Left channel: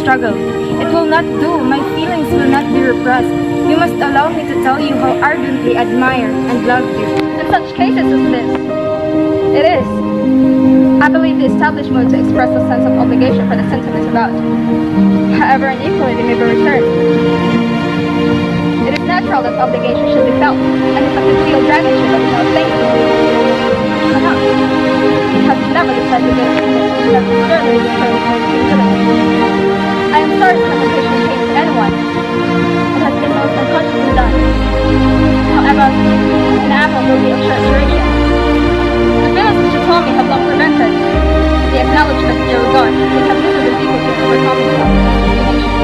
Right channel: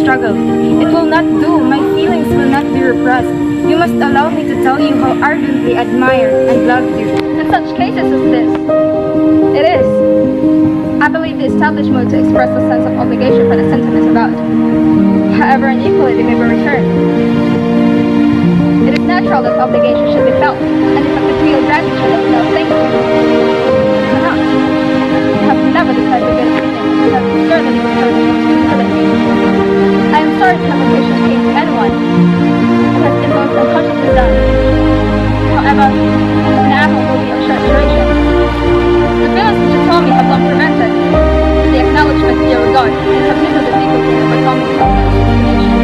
struggle. It will not do. My feelings will not be repressed. You must allow me to tell you how ardently I admire and love you. In such cases as this, it is. I believe the established mode to express a sense of obligation for the sentiments about. However unequally they may be returned. It is natural that obligation should be felt, and if I could feel gratitude without thank you, I cannot. You have never decided good opinion, and you have certainly bestowed humility. I am sorry to have occasioned pain to anyone. It has been most unconsciously done. However, an apple will be of short duration. The feelings which you told me have long prevented the acknowledgement of your regard, and have little difficulty in overcoming it after explanation.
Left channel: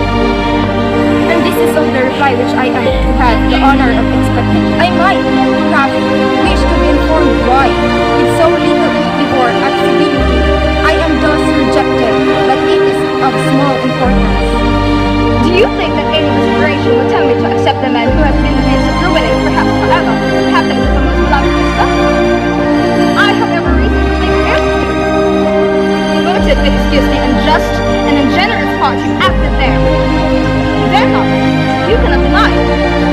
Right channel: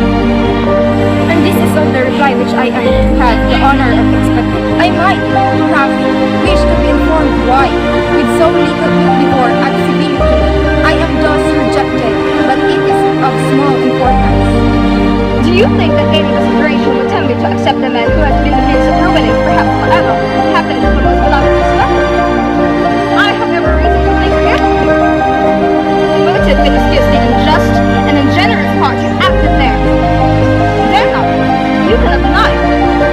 And this is all the reply which I am to have the honor of expecting. I might, perhaps, wish to be informed why, with so little before at civility, I am thus rejected, but it is of small importance. Do you think that any consideration would tempt me to accept the man who has been the means of ruining, perhaps forever, the happiness of a most beloved sister? I have every reason to think ill of you. The motive will excuse the unjust and ungenerous part you acted there. You dare not. You cannot deny.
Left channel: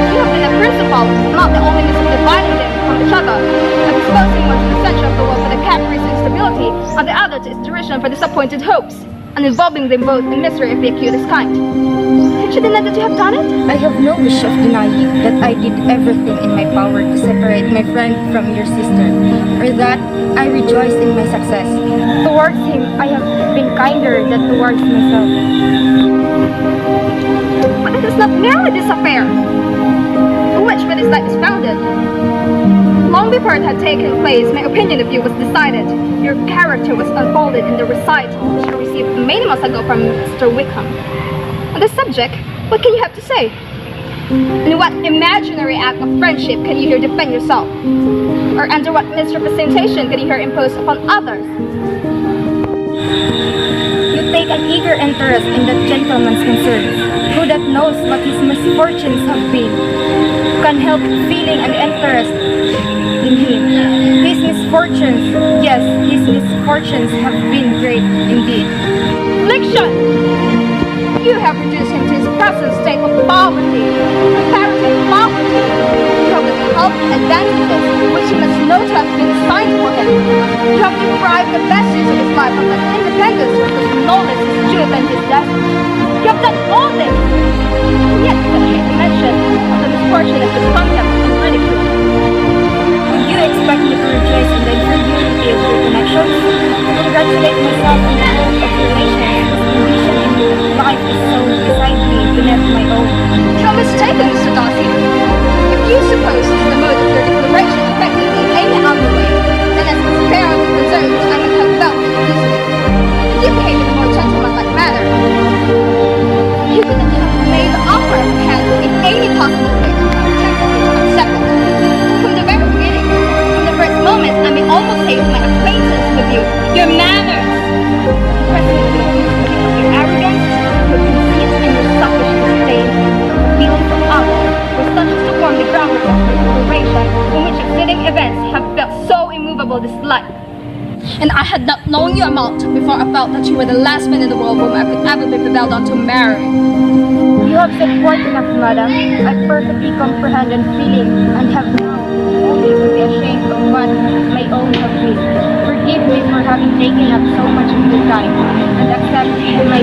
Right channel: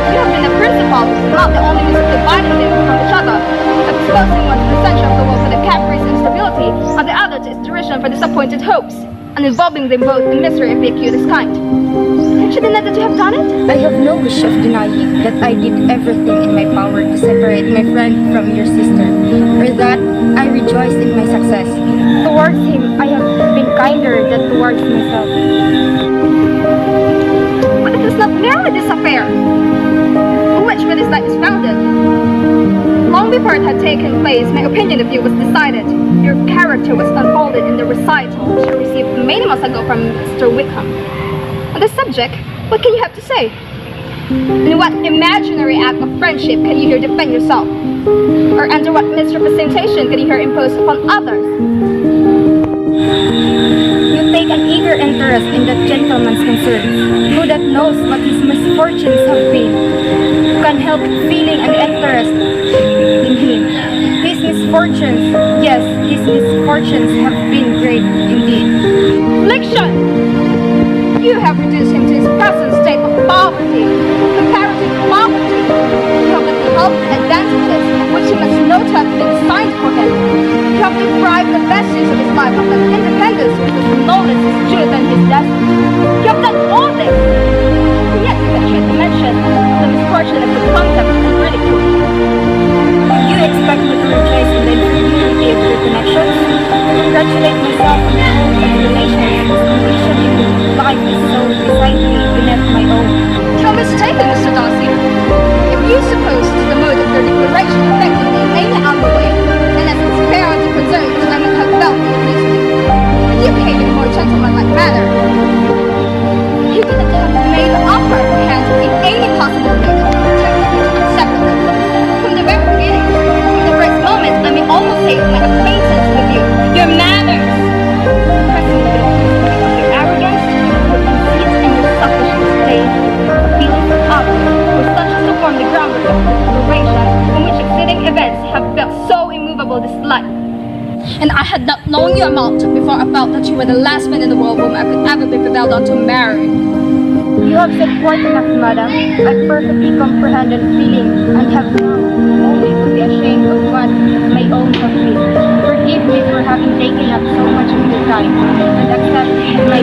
You have been a principal, not the only means of dividing them from each other, of exposing one to the censure of the world for the caprice and instability, and the other to its derision for disappointed hopes, and involving them both in misery of the acutest kind. Can't you deny that you have done it? I have no wish of denying that I did everything in my power to separate my friend from your sister, or that I rejoice in my success. Towards him, I have been kinder than towards myself. But it is not merely this affair, on which what is light is founded. Long before it had taken place, my opinion of you was decided. Your character was unfolded in the recital which I received many months ago from Mr. Wickham. On this subject, what can you have to say? In what imaginary act of friendship can you here defend yourself? Or under what misrepresentation can you here impose upon others? You take an eager interest in that gentleman's concerns, who that knows what his misfortunes have been, who can help feeling an interest in him. His misfortunes, yes, his misfortunes have been great indeed. Affliction! You have reduced him to his present state of poverty, comparative poverty. You have withheld advantages which he must know to have been assigned for him. You have deprived the best use of his life of that independence which was no less his due than his destiny. You have done all this, and yet you can treat the mention of the misfortune as with contempt and ridicule. Would you expect me to rejoice in the inferiority of your connections? To congratulate myself on the hope of relations whose condition in life is so decidedly beneath my own? You are mistaken, Mr. Darcy. If you suppose the mode of your declaration affected me in any other way, then as it's fair to concern which I might have felt in abusing you, and you behave in a more gentlemanlike manner, you could not have made the offer of hand in any possible way that would have tempted me to accept it. From the very beginning, from the first moment, I may almost say my acquaintance with you, your manners, impressing me with the of your arrogance, your conceit, and your selfish disdain. The feelings of others were such as to form the groundwork of this liberation, from which succeeding events have built so immovable dislike. And I had not known you amount before I felt that you were the last man in the world whom I could ever be prevailed on to marry. You have said quite enough, madam. I perfectly comprehend and feeling, and have now only to be ashamed of what my own have been. Forgive me for having taken up so much of your time, and accept my